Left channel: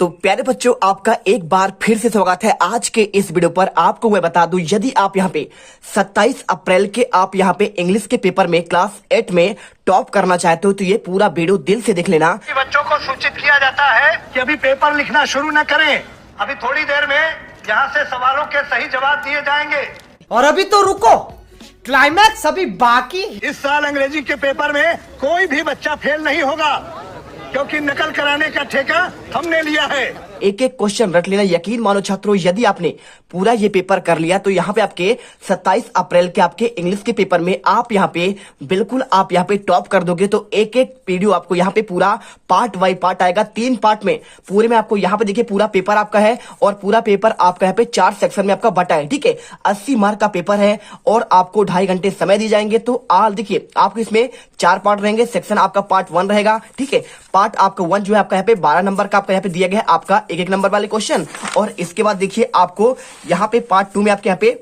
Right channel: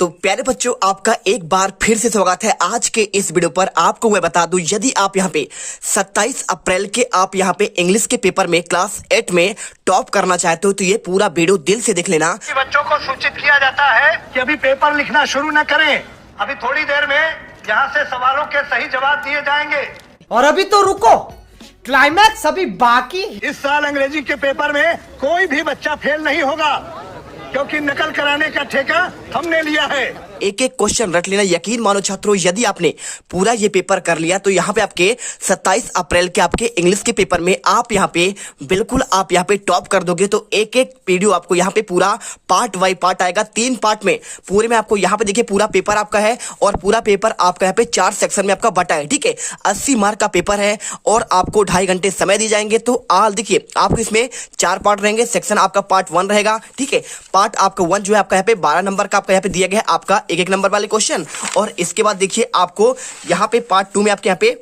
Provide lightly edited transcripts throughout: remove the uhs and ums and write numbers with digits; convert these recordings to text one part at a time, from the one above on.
तो प्यारे बच्चों, आपका एक बार फिर से स्वागत है आज के इस वीडियो पर। आपको मैं बता दूं, यदि आप यहाँ पे 27 अप्रैल के आप यहाँ पे इंग्लिश के पेपर में क्लास 8 में टॉप करना चाहते हो तो ये पूरा वीडियो दिल से देख लेना। बच्चों को सूचित किया जाता है कि अभी पेपर लिखना शुरू न करें। अभी थोड़ी देर में यहाँ से सवालों के सही जवाब दिए जाएंगे। और अभी तो रुको, क्लाइमैक्स अभी बाकी। इस साल अंग्रेजी के पेपर में कोई भी बच्चा फेल नहीं होगा, क्योंकि नकल कराने का ठेका हमने लिया है। एक एक क्वेश्चन रट लेना। यकीन मानो छात्रों, यदि आपने पूरा ये पेपर कर लिया तो यहाँ पे आपके 27 अप्रैल के आपके इंग्लिश के पेपर में आप यहाँ पे बिल्कुल आप यहाँ पे टॉप कर दोगे। तो एक एक वीडियो आपको यहाँ पे पूरा पार्ट बाई पार्ट आएगा, 3 पार्ट में पूरे में आपको यहाँ पे देखिए पूरा पेपर आपका है और पूरा पेपर आपका यहाँ पे 4 सेक्शन में आपका बटा है। ठीक है, 80 मार्क का पेपर है और आपको 2.5 घंटे समय दिए जाएंगे। तो आल देखिए आपको इसमें 4 पार्ट रहेंगे। सेक्शन आपका पार्ट 1 रहेगा। ठीक है, पार्ट आपका 1 जो है आपका यहाँ पे 12 नंबर का आपका यहाँ पे दिया गया है, आपका एक नंबर वाले क्वेश्चन। और इसके बाद देखिए आपको यहाँ पे पार्ट 2 में आपके यहाँ पे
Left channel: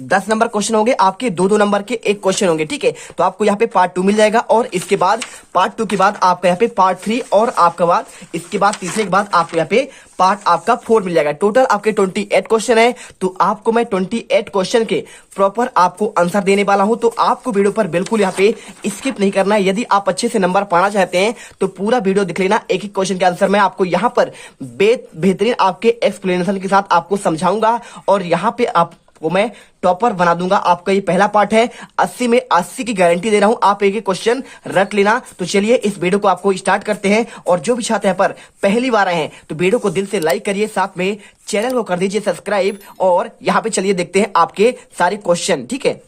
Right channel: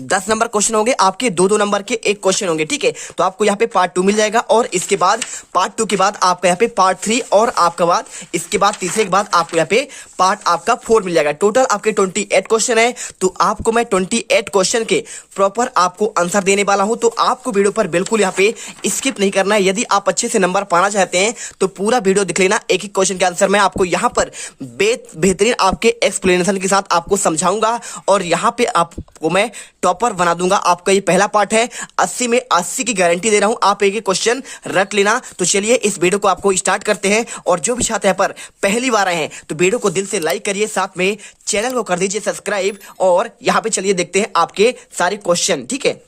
10 नंबर क्वेश्चन होंगे, आपके 2-2 नंबर के एक क्वेश्चन होंगे। ठीक है, तो आपको यहाँ पे पार्ट 2 मिल जाएगा और इसके बाद पार्ट 2 के बाद आपका यहाँ पे पार्ट 3 और आपका बाद इसके बाद तीसरे के बाद आपको यहाँ पे पार्ट आपका 4 मिल जाएगा। टोटल आपके 28 क्वेश्चन है। तो आपको मैं 28 क्वेश्चन के प्रॉपर आपको आंसर देने वाला हूं। तो आपको वीडियो पर बिल्कुल यहाँ पे स्किप नहीं करना है। यदि आप अच्छे से नंबर पाना चाहते हैं तो पूरा वीडियो देख लेना। एक एक क्वेश्चन के आंसर मैं आपको यहाँ पर बेहतरीन आपके एक्सप्लेनेशन के साथ आपको समझाऊंगा और यहाँ पे आपको मैं टॉपर बना दूंगा। आपका ये पहला पार्ट है। 80 में 80 की गारंटी दे रहा हूं। आप एक एक क्वेश्चन रट लेना। तो चलिए इस वीडियो को आपको स्टार्ट करते हैं। और जो भी छात्र यहाँ पर पहली बार आए हैं तो वीडियो को दिल से लाइक करिए, साथ में चैनल को कर दीजिए सब्सक्राइब। और यहाँ पे चलिए देखते हैं आपके सारे क्वेश्चन। ठीक है,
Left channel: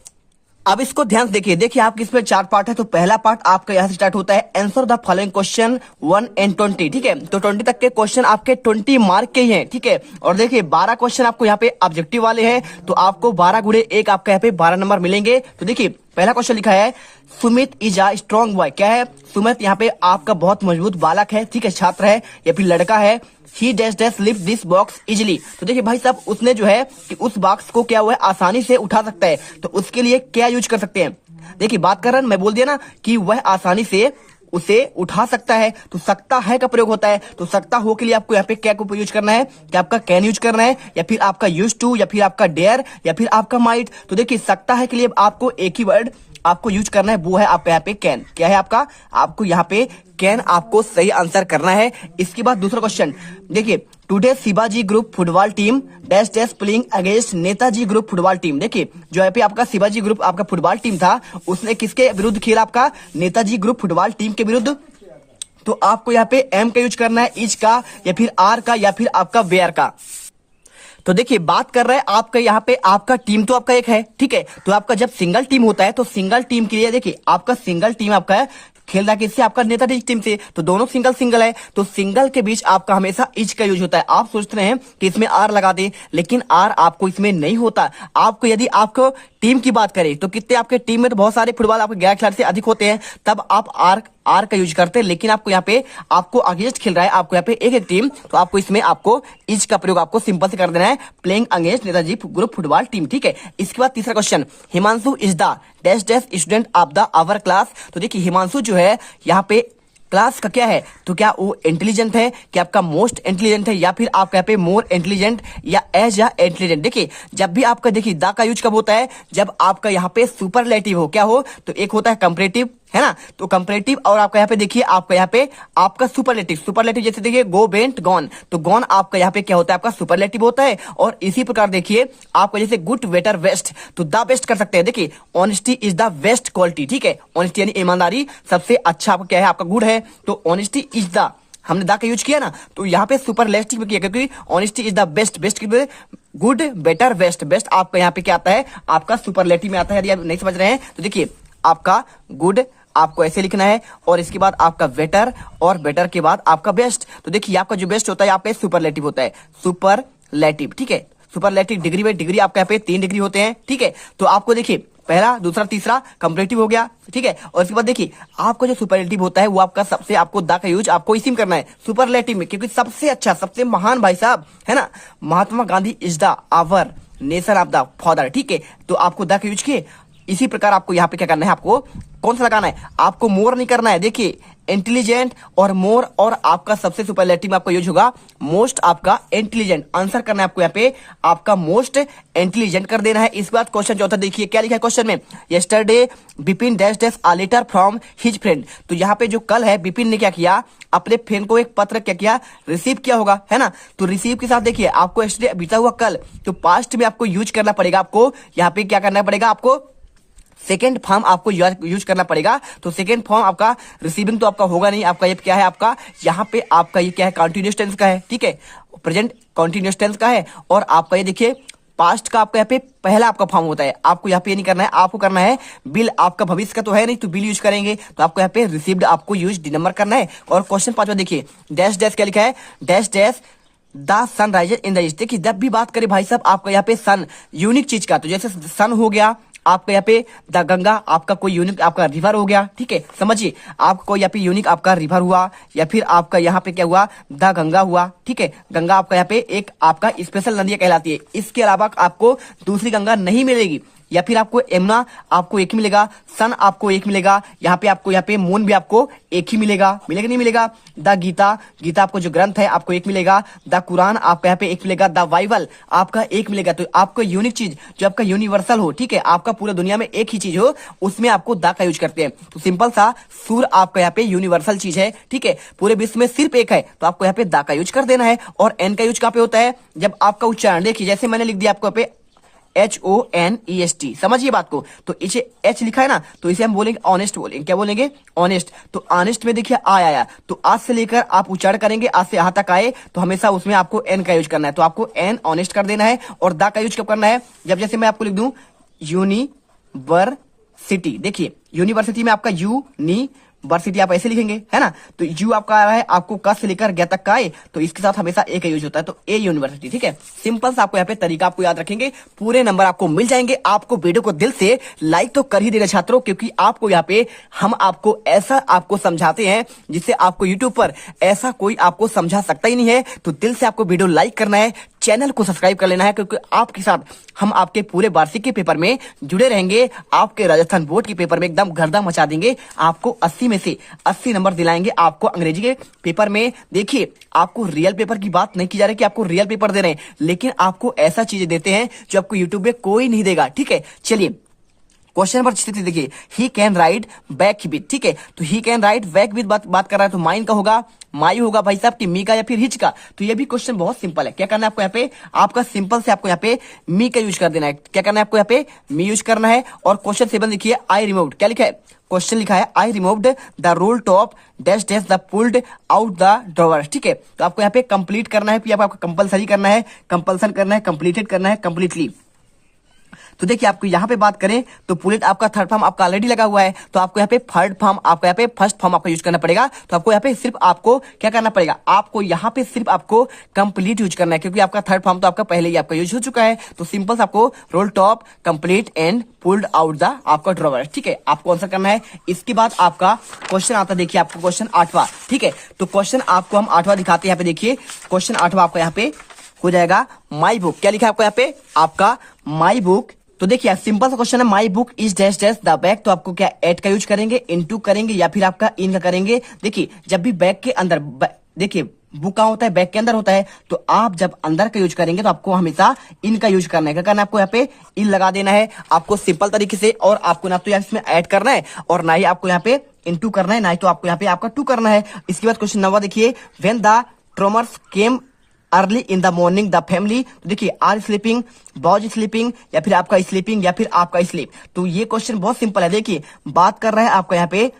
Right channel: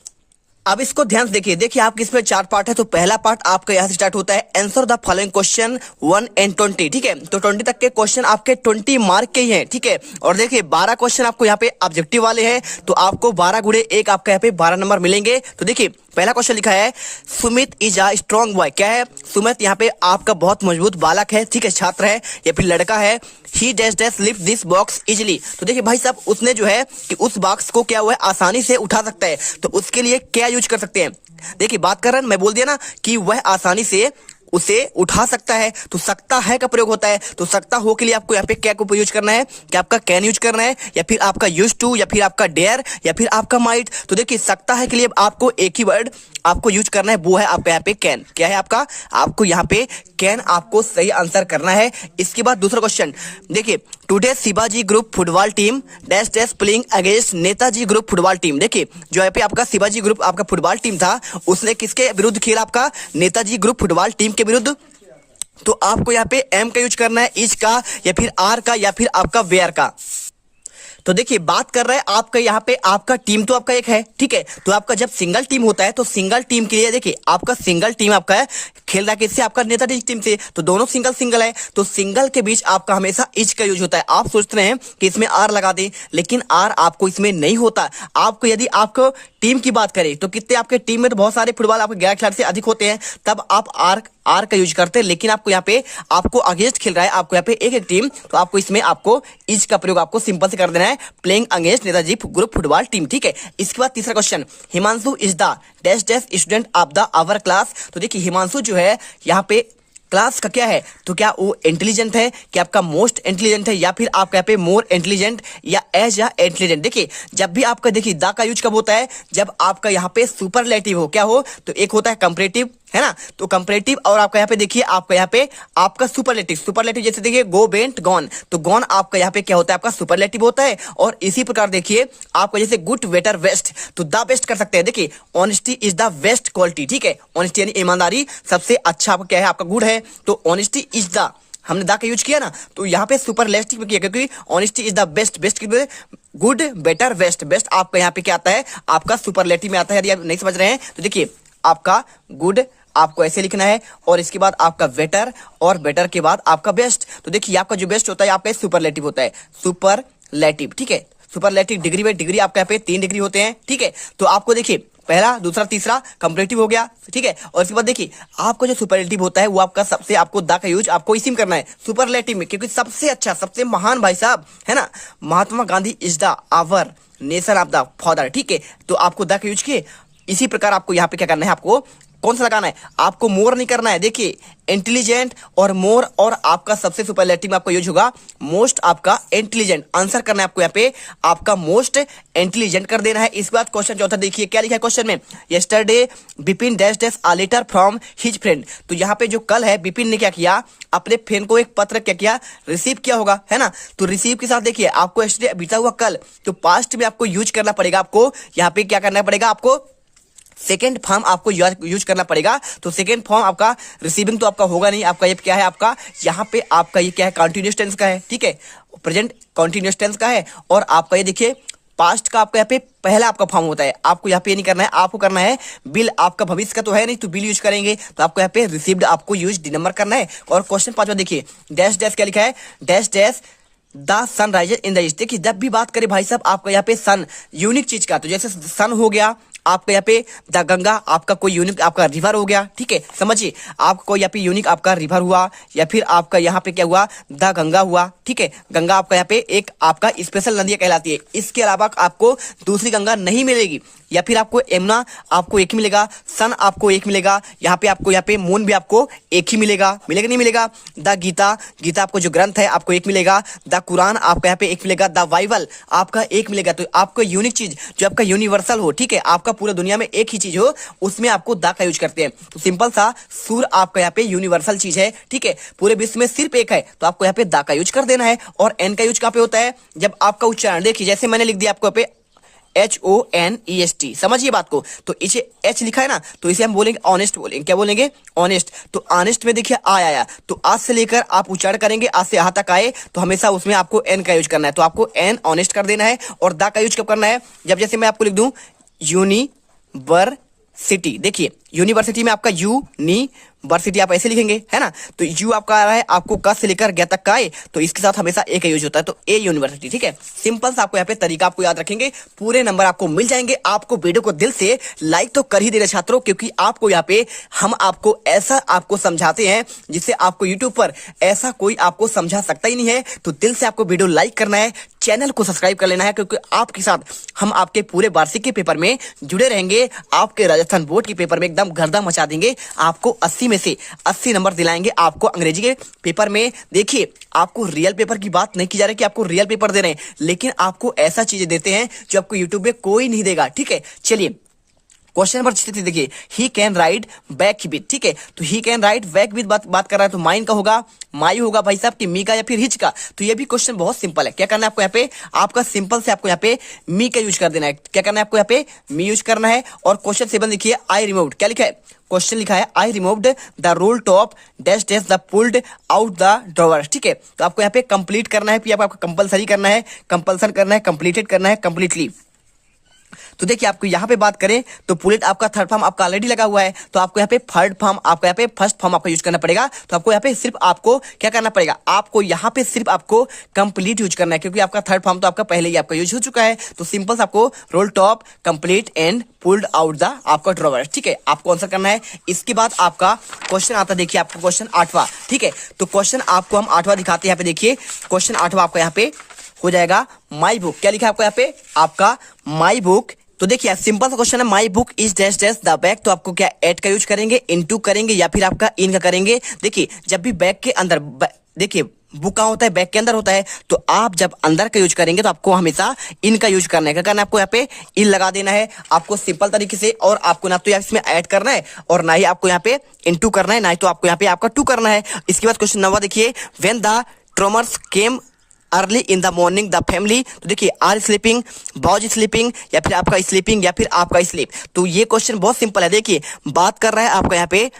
अब इसको ध्यान से देखिए आपके इसमें 4 पार्ट है। तो पहला पार्ट आपका यहाँ से स्टार्ट होता है, answer the following question 1 and 20। ठीक है, तो 20 तक के क्वेश्चन आपके 20 मार्क के ही हैं। ठीक है, और देखिए 12 क्वेश्चन आपको यहाँ पे ऑब्जेक्टिव वाले हैं। तो आपको 12 गुणे 1 आपका यहाँ पे 12 नंबर मिलेंगे। तो देखिए पहला क्वेश्चन लिखा है, Sumit is a strong boy. क्या है? सुमित यहाँ पे आपका बहुत मजबूत बालक है। ठीक है, छात्र है या फिर लड़का है। ही dash dash lift this box easily. तो देखिए भाई साहब, उसने जो है कि उस बॉक्स को क्या हुआ है आसानी से उठा सकता है। तो उसके लिए क्या यूज कर सकते हैं? देखिए बात कर रहा हूं, मैं बोल दिया ना कि वह आसानी से उसे उठा सकता है। तो सकता है का प्रयोग होता है। तो सकता हो के लिए आपको यहाँ पे क्या को यूज करना है? कि आपका कैन यूज करना है या फिर आपका यूज टू या फिर आपका डेयर या फिर आपका माइट। तो देखिए सकता है के लिए आपको एक ही वर्ड आपको यूज करना है, वो है आपका यहाँ पे कैन। क्या है आपका? आपको यहाँ पे कैन आपको सही आंसर करना है। इसके बाद दूसरा क्वेश्चन देखिए, today Shivaji group football team dash dash playing against Netaji group football team. देखिए जो यहाँ पे आपका शिवाजी ग्रुप आपका फुटबॉल टीम था, उसने किसके विरुद्ध खेला? आपका नेताजी ग्रुप फुटबॉल टीम के विरुद्ध। तो आपको यहाँ पे एम का यूज करना है, इज का या फिर आर का या फिर आपका वेयर का। तो देखिए बात कर रहे हैं आपका यहाँ पे आपका टीम तो आपका एक है। ठीक है, तो आपका जब सिंगल टीम होता है तो सिंगल टीम के लिए देखिए आपका सिंगल टीम आपका है खेल रहा है किससे? आपका नेताजी टीम से। तो दोनों सिंगल सिंगल है। तो सिंगल के बीच आपका हमेशा इज का यूज होता है। आप सोचते हैं कि इसमें आर लगा दे, लेकिन आर आपको इसमें नहीं होता। आपको यदि आपको टीम की बात करें तो कितने आपके टीम में तो बहुत सारे फुटबॉल आपके 11 खिलाड़ी से अधिक होते हैं, तब आप आर का यूज करते हैं। लेकिन आपको यहाँ पे आपको अगेंस्ट खेल रहा है, आपको यहाँ पे एक टीम, तो आपको इसमें आपको इज का प्रयोग आपको सिंपल से कर देना है, playing against Netaji group football team. ठीक है, इसके बाद तीसरा question, Himanshu is the dash dash student of the our class. तो देखिए हिमांशु जो है यहाँ पे क्लास का क्या है? तो क्या वो इंटेलिजेंट है? क्या आपका मोस्ट इंटेलिजेंट है या फिर आपका यहाँ पे मोर इंटेलिजेंट या एज या इंटेलिजेंट? देखिए जब भी आपका देखिए द का यूज कब होता है? जब आपका यहाँ पे सुपरलेटिव हो। क्या हो? तो एक होता है कंपैरेटिव, है ना? तो कंपैरेटिव और आपका यहाँ पे देखिए आपका यहाँ पे आपका सुपरलेटिव जैसे देखिए गो बेंट गॉन। तो गॉन आपका यहाँ पे क्या होता है? आपका सुपरलेटिव होता है। और इसी प्रकार देखिए आपका जैसे गुड बेटर बेस्ट, तो द बेस्ट कर सकते हैं। देखिए honesty is the best quality. ठीक है, ऑनेस्टी यानी ईमानदारी सबसे अच्छा आपका क्या है? आपका गुड है। तो ऑनेस्टी इज द, हमने दा का यूज किया ना, तो यहाँ पे सुपरलेटिव में किया क्योंकि honesty is the best. Best की गुड बेटर बेस्ट, बेस्ट आपका यहाँ पे क्या आता है? आपका सुपरलेटिव में आता है। यदि आप नहीं समझ रहे हैं तो देखिए आपका गुड आपको ऐसे लिखना है और इसके बाद आपका बेटर और बेटर के बाद आपका बेस्ट। तो देखिए आपका जो बेस्ट होता है यहाँ पे सुपरलेटिव होता है, सुपरलेटिव। ठीक है, सुपरलेटिव डिग्री बाई डिग्री आपके यहाँ पे 3 डिग्री होते हैं। ठीक है, तो आपको देखिए पहला दूसरा तीसरा कंपैरेटिव हो गया। ठीक है, और इसके बाद देखिए आपका जो सुपरलेटिव होता है वो आपका सबसे आपको द का यूज आपको इसी में करना है सुपरलेटिव में, क्योंकि सबसे अच्छा सबसे महान भाई साहब है ना, Mahatma Gandhi is the our nation of the father. ठीक है, तो आपको द का यूज किए। इसी प्रकार आपको यहाँ पे क्या करना है? आपको कौन सा लगाना है? आपको मोर नहीं करना है। देखिए इंटेलिजेंट और मोर, और आपका सबसे सुपरलेटिव में आपका यूज होगा मोस्ट आपका इंटेलिजेंट। आंसर करना है आपको यहाँ पे आपका मोस्ट इंटेलिजेंट कर देना है। इस बात क्वेश्चन चौथा देखिए क्या लिखा है क्वेश्चन में, yesterday Bipin dash dash a letter from his friend. तो यहाँ पे जो कल है बिपिन ने क्या किया, अपने फ्रेंड को एक पत्र क्या किया, रिसीव किया होगा, है ना। तो रिसीव के साथ देखिए आपको यस्टरडे बीता हुआ कल, तो पास्ट में आपको यूज करना पड़ेगा। आपको यहाँ पे क्या करना पड़ेगा, आपको सेकेंड फॉर्म आपको यूज करना पड़ेगा। तो सेकेंड फॉर्म आपका रिसीविंग तो आपका होगा नहीं, आपका ये क्या है, आपका यहाँ पे आपका ये क्या है, कंटिन्यूअस टेंस का है, ठीक है, प्रेजेंट कंटिन्यूअस टेंस का है। और आपका ये देखिए पास्ट का आपका यहाँ पे पहला आपका फॉर्म होता है। आपको यहाँ पे ये नहीं करना है, आपको करना है बिल, आपका भविष्य का तो है नहीं, तो बिल यूज करेंगे। तो आपको यहाँ पे रिसीव्ड आपको यूज डी नंबर करना है। और क्वेश्चन 5 देखिए, डैश डैश क्या लिखा है, dash dash the sun rises in the east. देखिए जब भी बात करें भाई साहब आपका यहाँ पे सन यूनिक चीज का, तो जैसे सन हो गया आपका यहाँ पे द गंगा, आपका कोई यूनिक आपका रिवर हो गया, ठीक है, समझिए आपका कोई यहाँ पे यूनिक आपका रिवर हुआ, या फिर आपका यहाँ पे क्या हुआ, द गंगा हुआ, ठीक है। गंगा आपका यहाँ पे एक आपका स्पेशल नदी कहलाती है, इसके अलावा आपको दूसरी गंगा नहीं मिलेगी। या फिर आपको यमुना आपको एक ही मिलेगा, सन आपको एक मिलेगा, यहाँ पे आपको यहाँ पे मून भी आपको एक ही मिलेगा, मिलेगा नहीं मिलेगा। द गीता, गीता आपको जो ग्रंथ है आपको एक मिलेगा। द कुरान आपका यहाँ पे एक मिलेगा। द बाइबल आपका एक मिलेगा। तो आपको यूनिक चीज जो आपका यूनिवर्सल हो, ठीक है, आपका पूरा दुनिया में एक ही चीज हो, उसमें आपको द का यूज करते हैं। तो सिंपल सा सूर्य आपका यहाँ पे यूनिवर्सल चीज है, ठीक है, पूरे विश्व में सिर्फ एक है, तो आपको यहाँ पे द का यूज कर देना है। और एन का यूज कहाँ पे होता है, जब आपका उच्चारण देखिए, जैसे मैंने लिख दिया आपको यहाँ पे HONEST, समझिए बात को। तो इसे H लिखा है ना, तो इसे हम बोलेंगे ऑनेस्ट, बोलेंगे क्या बोलेंगे, ऑनेस्ट। तो ऑनेस्ट में देखिए आया, तो आज से लेकर आप उच्चारण करेंगे, आज से यहाँ तक आए, तो हमेशा उसमें आपको एन का यूज करना है। तो आपको एन ऑनेस्ट कर देना है। और द का यूज कब करना है, जब जैसे मैं आपको लिख दूं यूनिवर्सिटी, देखिए यूनिवर्सिटी में आपका यूनिवर्सिटी आप ऐसे लिखेंगे, है ना। तो यू आपका आ रहा है, आपको क से लेकर ग तक का आए, तो इसके साथ हमेशा ए का यूज होता है, तो ए यूनिवर्सिटी, ठीक है। सिंपल सा आपको यहाँ पे तरीका आपको याद रखेंगे, पूरे नंबर आपको मिल जाएंगे। आपको वीडियो को दिल से लाइक तो कर ही देना छात्रों, क्योंकि आपको यहाँ पे हम आपको ऐसा आपको समझाते हैं जिससे आपको यूट्यूब पर ऐसा कोई आपको समझा सकता ही नहीं है। तो दिल से आपको वीडियो लाइक करना है, चैनल को सब्सक्राइब कर लेना है, क्योंकि आपके साथ हम आपके पूरे वार्षिक के पेपर में जुड़े रहेंगे। आपके राजस्थान बोर्ड के पेपर में एकदम गर्दा मचा देंगे, आपको 80 में से 80 नंबर दिलाएंगे आपको अंग्रेजी के पेपर में। देखिए आपको रियल पेपर की बात नहीं की जा रही कि आपको रियल पेपर दे रहे हैं, लेकिन आपको ऐसा चीजें देते हैं जो आपको यूट्यूब पे कोई नहीं देगा, ठीक है। चलिए क्वेश्चन नंबर 6 देखिए, he can ride back with, ठीक है। तो he can ride back with बात कर रहा है, तो माइन का होगा, माई होगा भाई साहब की मी का, या फिर हिच का। तो ये भी क्वेश्चन बहुत सिंपल है। क्या करना है आपको यहाँ पे, आपका सिंपल से आपको यहाँ पे मी का यूज कर देना है। क्या करना है आपको यहाँ पे मी यूज करना है। और क्वेश्चन 7 देखिए, आई रिमूव्ड, क्या लिखा है, क्वेश्चन लिखा है I removed the roll top dash dash the pulled out the drawer, ठीक है। तो आपको यहाँ पे कंप्लीट करना है, फिर आपको कंपलसरी करना है, कंपल्सन करना है, कंप्लीटेड करना है, कंप्लीटली। तो देखिए आपको यहाँ पे बात करें तो पुलेट आपका थर्ड फॉर्म आपका ऑलरेडी लगा हुआ है, तो आपको यहाँ पे थर्ड फॉर्म आपको यहाँ पे फर्स्ट फॉर्म आपका यूज करना पड़ेगा। तो आपको यहाँ पे सिर्फ आपको क्या करना पड़ेगा, आपको यहाँ पे सिर्फ आपको कंप्लीट यूज करना है, क्योंकि आपका थर्ड फॉर्म तो आपका पहले ही आपका यूज हो चुका है। तो सिंपल आपको role top complete and pulled out the आपका ड्रॉवर, ठीक है, आपको आंसर करना है। इसके बाद आपका क्वेश्चन आता है, देखिए आपको क्वेश्चन 8वां, ठीक है। तो क्वेश्चन आपको हम 8वां दिखाते हैं, यहाँ पे देखिए क्वेश्चन 8वां आपका यहाँ पे हो जाएगा माई बुक। क्या लिखा है आपको यहाँ पे, आपका माई बुक। तो देखिए सिंपल सा क्वेश्चन है, my book is dash dash the bag. तो आपको क्या एट का यूज करेंगे, इनटू करेंगे, या फिर आपका इन का करेंगे। देखिए जब भी बैग के अंदर, देखिए बुक कहाँ होता है, बैग के अंदर होता है, तो आप जब अंदर का यूज करेंगे तो आपको हमेशा इन का यूज करना है। क्या करना है आपको यहाँ पे इन लगा देना है, आपको सिंपल तरीके से। और आपको ना तो इसमें ऐड करना है और ना ही आपको यहाँ पे इनटू करना है, ना ही तो आपको यहाँ पे आपका टू करना है। इसके बाद क्वेश्चन 9वां देखिए, when the tremors came early in the morning the family. तो देखिए आर स्लीपिंग, बॉज स्लीपिंग, या फिर आपका स्लीपिंग, या फिर आपका स्लीप। तो ये क्वेश्चन बहुत सिंपल है। देखिए बात कर रहा है आपका यहाँ पे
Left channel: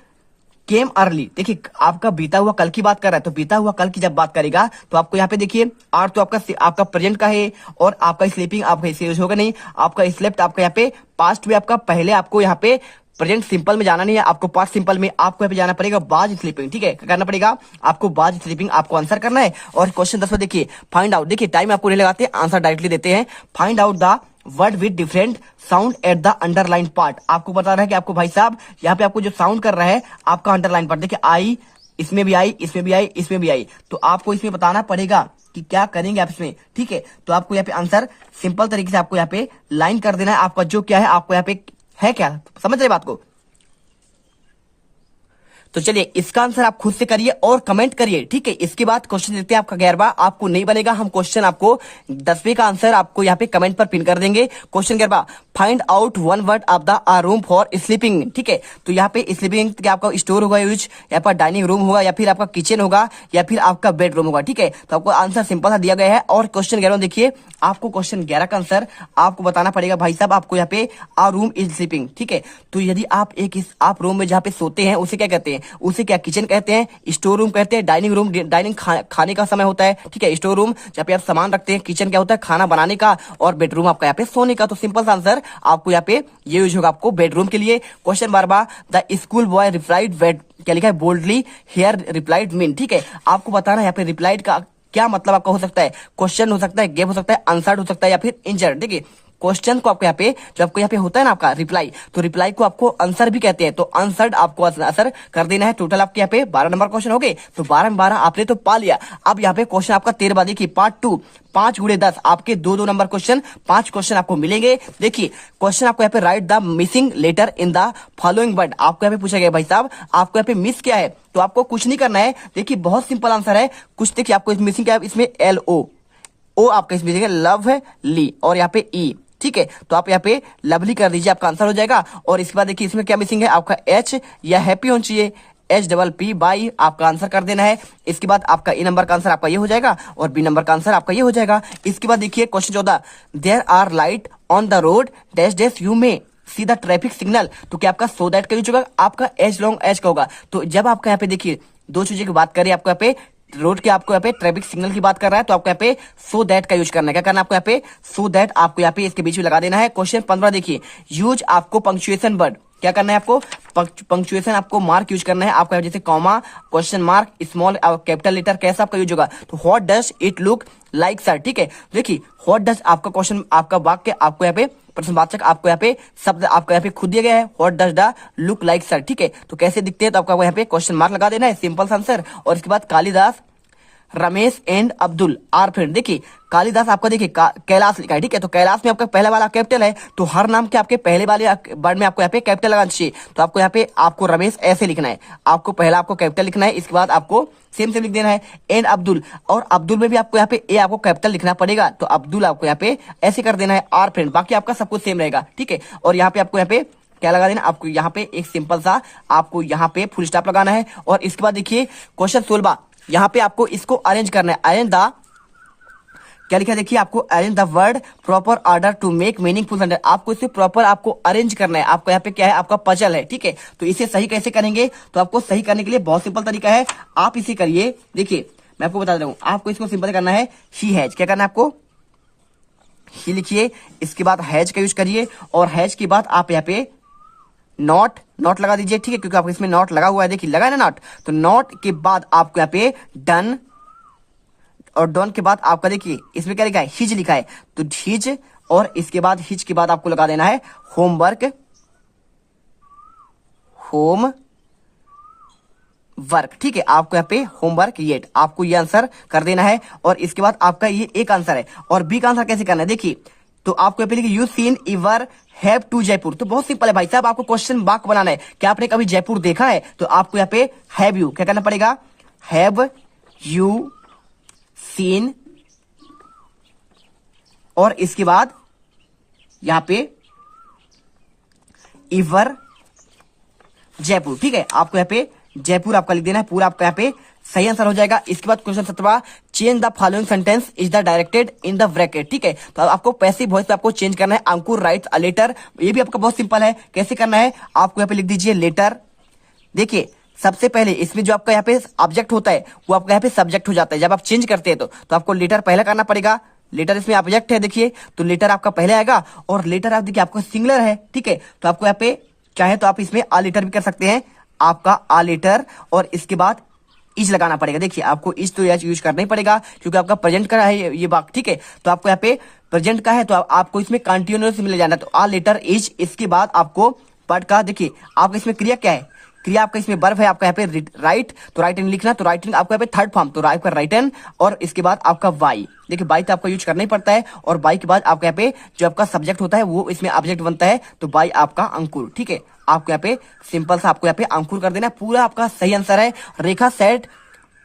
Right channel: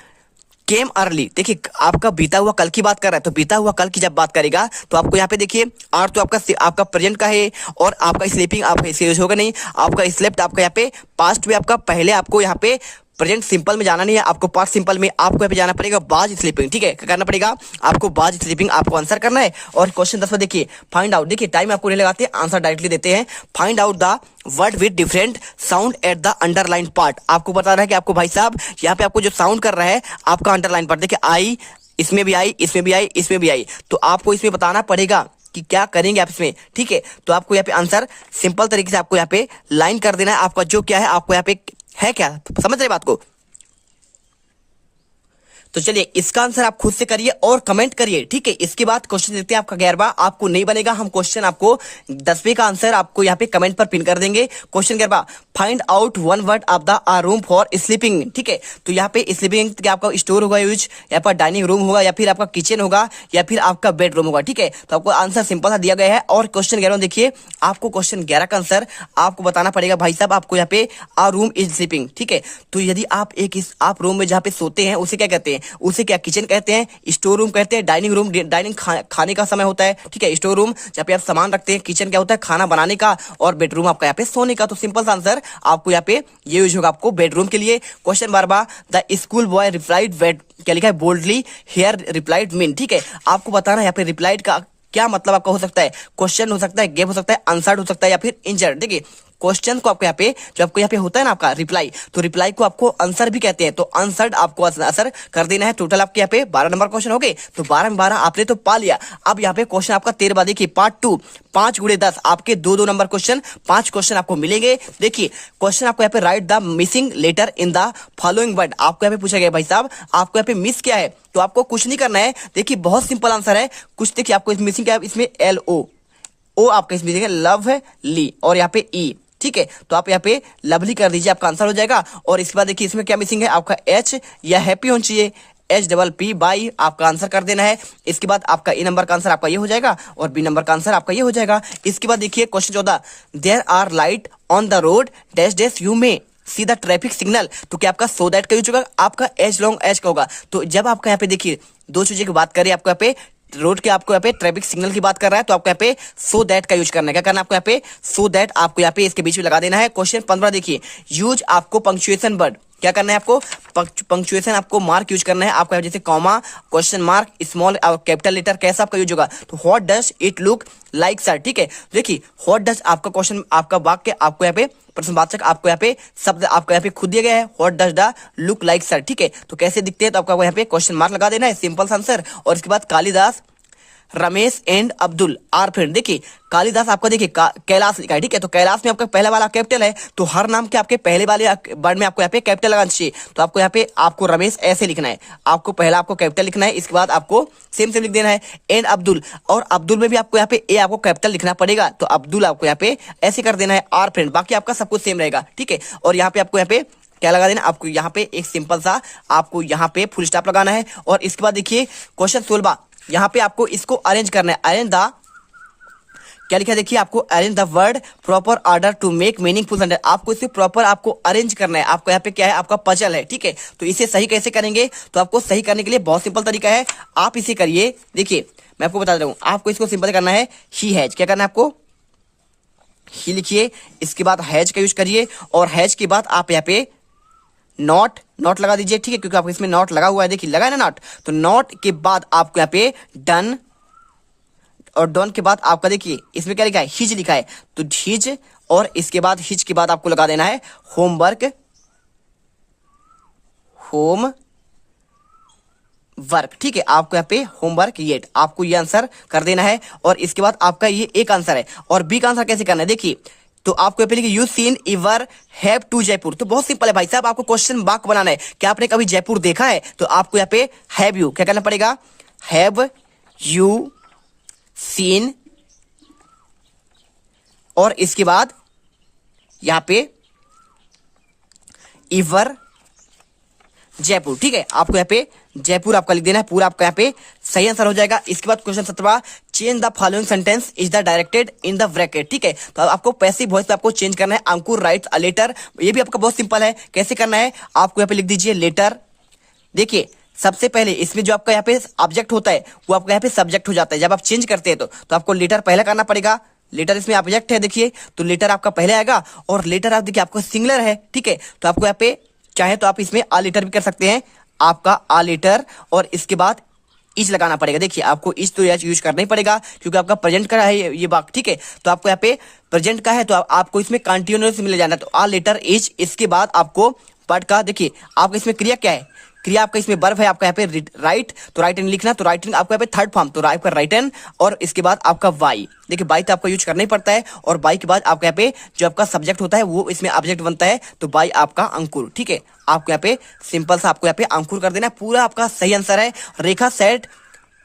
केम अर्ली, देखिए आपका बीता हुआ कल की बात कर रहा है, तो बीता हुआ कल की जब बात करेगा तो आपको यहाँ पे देखिए आर तो आपका प्रेजेंट का है, और आपका स्लीपिंग आपका इसे यूज होगा नहीं, आपका स्लेप्ट आपका यहाँ पे पास्ट में आपका पहले आपको यहाँ पे प्रेजेंट सिंपल में जाना नहीं है, आपको पास्ट सिंपल में आपको यहाँ पे जाना पड़ेगा बाज स्लीपिंग, ठीक है। क्या करना पड़ेगा आपको बाज स्लीपिंग आपको आंसर करना है। और क्वेश्चन 10 देखिए, फाइंड आउट, देखिए टाइम आपको नहीं लगाते, आंसर डायरेक्टली देते हैं। Find out the word with different sound at the underline part. आपको बता रहा है कि आपको भाई साहब यहाँ पे आपको जो साउंड कर रहा है आपका अंडरलाइन पार्ट, देखिए आई, इसमें भी आई, इसमें भी आई, इसमें भी आई, तो आपको इसमें बताना पड़ेगा कि क्या करेंगे आप इसमें, ठीक है। तो आपको यहाँ पे आंसर सिंपल तरीके से आपको यहाँ पे लाइन कर देना है। आपका जो क्या है आपको यहाँ पे है, क्या समझ रहे बात को। तो चलिए इसका आंसर आप खुद से करिए और कमेंट करिए, ठीक है। इसके बाद क्वेश्चन देते हैं आपका 11वां, आपको नहीं बनेगा, हम क्वेश्चन आपको 10वें का आंसर आपको यहाँ पे कमेंट पर पिन कर देंगे। क्वेश्चन 11वां, find out one word of the room for sleeping, ठीक है। तो यहाँ पे स्लीपिंग क्या आपका स्टोर होगा यूज, या फिर डाइनिंग रूम होगा, या फिर आपका किचन होगा, या फिर आपका बेडरूम होगा, ठीक है। तो आपको आंसर सिंपल सा दिया गया है। और क्वेश्चन 11 देखिए, आपको क्वेश्चन 11 का आंसर आपको बताना पड़ेगा भाई साहब, आपको यहाँ पे आ रूम इज स्लीपिंग, ठीक है। तो यदि आप रूम में जहाँ पे सोते हैं उसे क्या कहते हैं, उसे क्या किचन कहते हैं, स्टोर रूम कहते हैं, डाइनिंग रूम डाइनिंग खाने का समय होता है, ठीक है। स्टोर रूम जहाँ पे आप सामान रखते हैं, किचन क्या होता है खाना बनाने का, और बेडरूम आपका यहाँ पे सोने का। तो सिंपल सा आंसर आपको यहाँ पे ये यूज होगा आपको बेडरूम के लिए। Question 12, the school boy replied क्या लिखा है, बोल्डली हियर रिप्लाइड मीन, ठीक है। आपको बताना यहाँ पे रिप्लाइड का क्या मतलब आपका हो सकता है, क्वेश्चन हो सकता है, गेप हो सकता है, आंसर्ड हो सकता है, या फिर इंजर्ड। देखिए क्वेश्चन को आपको यहाँ पे जो आपको यहाँ पे होता है ना आपका रिप्लाई, तो रिप्लाई को आपको आंसर भी कहते हैं, तो आंसर्ड आपको आंसर कर देना है। टोटल आपके यहाँ पे 12 नंबर क्वेश्चन हो गए, तो 12 में 12 आपने तो पा लिया। अब यहाँ पे क्वेश्चन आपका 13वां देखिए, पार्ट 2, 5 गुणे 10 आपके 2-2 नंबर क्वेश्चन, 5 क्वेश्चन आपको मिलेंगे। देखिए क्वेश्चन आपको यहाँ पे write the missing letter in the following word, आपको यहाँ पे पूछा गया भाई साहब आपको यहाँ पे मिस क्या है, तो आपको कुछ नहीं करना है। देखिए बहुत सिंपल आंसर है, कुछ देखिए आपको मिसिंग क्या है, इसमें LO आपका इसमें देखिए लव है ली, और यहाँ पे E, ठीक है। तो आप यहाँ पे लवली कर दीजिए, आपका आंसर हो जाएगा। और इसके बाद देखिए इसमें क्या मिसिंग है, आपका H या हैप्पी होना चाहिए, HPP बाई आपका आंसर कर देना है। इसके बाद आपका ए नंबर का आंसर आपका ये हो जाएगा, और बी नंबर का आंसर आपका ये हो जाएगा। इसके बाद देखिए question 14, there are light on the road dash dash you may see the traffic signal, तो क्या आपका सो दैट का यूज होगा, आपका एच लॉन्ग एच का होगा। तो जब आपका यहाँ पे देखिए दो चीजों की बात करें, आपको यहाँ पे रोड के आपको यहाँ पे ट्रैफिक सिग्नल की बात कर रहा है, तो आपको यहाँ पे सो दैट का यूज करना है। क्या करना है आपको यहाँ पे, सो दैट आपको यहाँ पे इसके बीच में लगा देना है। क्वेश्चन 15 देखिए, यूज आपको पंक्चुएशन वर्ड, क्या करना है आपको पंक्चुएशन आपको मार्क यूज करना है। आपका जैसे comma, question mark, small capital letter कैसा आपका यूज होगा, तो what does it look like sir, ठीक है। देखिए व्हाट डज आपका क्वेश्चन आपका वाक्य आपको यहाँ पे प्रश्नवाचक आपको यहाँ पे शब्द आपको यहाँ पे खुद दिया गया है, what does the look like sir, ठीक है। तो कैसे दिखते हैं, तो आपका यहाँ पे क्वेश्चन मार्क लगा देना है, सिंपल आंसर। और इसके बाद Kalidas, Ramesh and Abdul are friend. देखिए कालिदास आपका देखिए कैलाश लिखा है, ठीक है। तो कैलाश में आपका पहला वाला कैपिटल है, तो हर नाम के आपके पहले वाले वर्ड में आपको यहाँ पे कैपिटल लगाना चाहिए। तो आपको यहाँ पे आपको रमेश ऐसे लिखना है, आपको पहला आपको कैपिटल लिखना है, इसके बाद आपको सेम लिख देना है एंड अब्दुल, और अब्दुल में भी आपको यहाँ पे ए आपको कैपिटल लिखना पड़ेगा, तो अब्दुल आपको यहाँ पे ऐसे कर देना है आर फ्रेंड। बाकी आपका सब कुछ सेम रहेगा, ठीक है। और यहाँ पे आपको यहाँ पे क्या लगा देना, आपको यहाँ पे एक सिंपल सा आपको यहाँ पे फुल स्टॉप लगाना है। और इसके बाद देखिए क्वेश्चन 16, यहाँ पे आपको इसको अरेंज करना है, अरेंज द क्या लिखा है देखिए, आपको arrange the word proper order to make meaningful sentence, आपको इसे प्रॉपर आपको अरेंज करना है। आपको यहाँ पे क्या है, आपका पजल है, ठीक है। तो इसे सही कैसे करेंगे, तो आपको सही करने के लिए बहुत सिंपल तरीका है, आप इसे करिए। देखिए मैं आपको बता रहा हूँ, आपको इसको सिंपल करना है, ही हैज, क्या करना है आपको, ही लिखिए, इसके बाद हैज का यूज करिए, और हैज के बाद आप यहाँ पे नॉट लगा दीजिए, ठीक है, क्योंकि आपको इसमें नॉट लगा हुआ है, देखिए लगा है ना नॉट। तो नॉट के बाद आपको यहाँ पे डन, और डन के बाद आपका देखिए इसमें क्या लिखा है, हिज लिखा है, तो हिज, और इसके बाद हिज के बाद आपको लगा देना है होमवर्क, ठीक है। आपको यहाँ पे होमवर्क ये आपको ये आंसर कर देना है। और इसके बाद आपका ये एक आंसर है, और बी का आंसर कैसे करना है, देखिए तो आपको यहाँ पे लिखिए you seen ever have to Jaipur, तो बहुत सिंपल है भाई साहब, आपको क्वेश्चन वाक्य बनाना है, क्या आपने कभी जयपुर देखा है, तो आपको यहाँ पे हैव यू क्या करना पड़ेगा, हैव यू सीन, और इसके बाद यहां पे इवर जयपुर, ठीक है। आपको यहाँ पे जयपुर आपका लिख देना है, पूरा आपका यहाँ पे सही आंसर हो जाएगा। इसके बाद question 17, change the following sentence is the directed in the bracket, ठीक है। तो आपको पैसिव वॉइस पे आपको चेंज करना है, अंकुर राइट्स अ लेटर, ये भी आपका बहुत सिंपल है, कैसे करना है, आपको यहाँ पे लिख दीजिए लेटर। देखिए सबसे पहले इसमें जो आपका यहाँ पे ऑब्जेक्ट होता है वो आपका यहाँ पे सब्जेक्ट हो जाता है, जब आप चेंज करते हैं तो आपको लेटर पहले करना पड़ेगा। लेटर इसमें ऑब्जेक्ट है, देखिए तो लेटर आपका पहले आएगा, और लेटर आप देखिए आपको सिंगुलर है, ठीक है। तो आपको यहाँ पे चाहे तो आप इसमें आ लेटर भी कर सकते हैं, आपका आ लेटर, और इसके बाद इज लगाना पड़ेगा। देखिए आपको इज तो यूज करना ही पड़ेगा, क्योंकि आपका प्रेजेंट का है ये बात, ठीक है। तो आपको यहाँ पे प्रेजेंट का है, तो आपको इसमें कंटिन्यूअस मिल जाना, तो आ लेटर इज, इसके बाद आपको वर्ड का देखिए आपको इसमें क्रिया क्या है, क्रिया आपका इसमें वर्ब है आपका यहाँ पे राइट, तो राइट एंड लिखना, तो राइटिंग आपका यहाँ पे थर्ड फॉर्म, तो आपका राइट एंड, और इसके बाद आपका वाई। देखिए बाई तो आपका यूज करना ही पड़ता है, और बाई के बाद आपका यहाँ पे जो आपका सब्जेक्ट होता है वो इसमें ऑब्जेक्ट बनता है, तो बाई आपका अंकुर। ठीक है, आपको यहाँ पे सिंपल सा आपको यहाँ पे अंकुर कर देना है। पूरा आपका सही आंसर है। Rekha said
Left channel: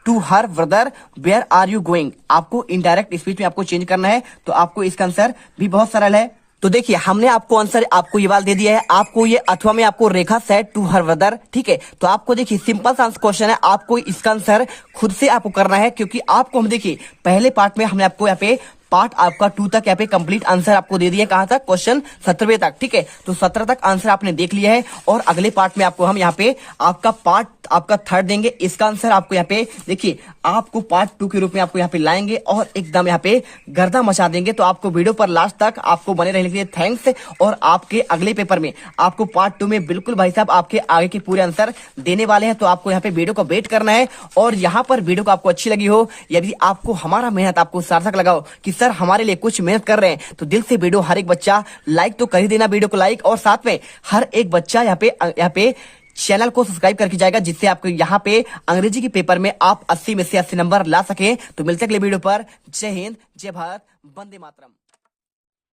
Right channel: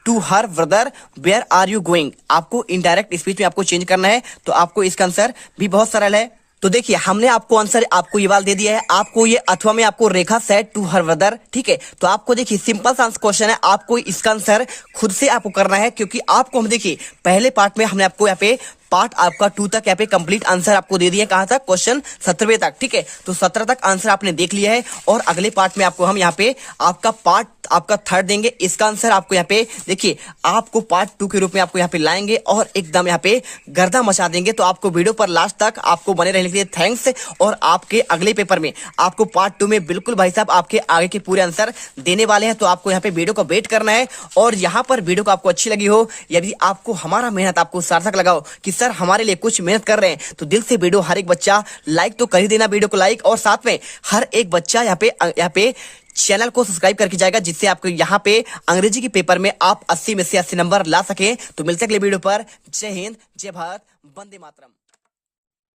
to her brother where are you going, आपको इनडायरेक्ट स्पीच में आपको चेंज करना है, तो आपको इसका आंसर भी बहुत सरल है। तो देखिए हमने आपको आंसर आपको ये वाला दे दिया है, आपको ये अथवा में आपको रेखा सेड टू हर ब्रदर। ठीक है, तो आपको देखिए सिंपल सा क्वेश्चन है, आपको इसका आंसर खुद से आपको करना है, क्योंकि आपको हम देखिए पहले पार्ट में हमने आपको यहाँ पे पार्ट आपका 2 तक यहाँ पे कंप्लीट आंसर आपको दे दिया, कहां तक, क्वेश्चन 17वें तक। ठीक है, तो 17 तक आंसर आपने देख लिया है, और अगले पार्ट में आपको हम यहाँ पे आपका पार्ट आपका थर्ड देंगे। इसका आंसर आपको यहाँ पे देखिए आपको पार्ट 2 के रूप में आपको यहाँ पे लाएंगे और एकदम यहाँ पे गर्दा मचा देंगे। तो आपको वीडियो पर लास्ट तक आपको बने रहने के लिए थैंक्स, और आपके अगले पेपर में आपको पार्ट 2 में बिल्कुल भाई साहब आपके आगे के पूरे आंसर देने वाले हैं। तो आपको यहाँ पे वीडियो को वेट करना है, और यहाँ पर वीडियो को आपको अच्छी लगी हो, यदि आपको हमारा मेहनत आपको सार्थक लगा हो कि सर हमारे लिए कुछ मेहनत कर रहे हैं, तो दिल से वीडियो हर एक बच्चा लाइक तो कर ही देना, वीडियो को लाइक, और साथ में हर एक बच्चा यहाँ पे चैनल को सब्सक्राइब करके जाएगा, जिससे आपको यहाँ पे अंग्रेजी के पेपर में आप 80 में से 80 नंबर ला सकें। तो मिलते हैं अगले वीडियो पर। जय हिंद, जय भारत, वंदे मातरम।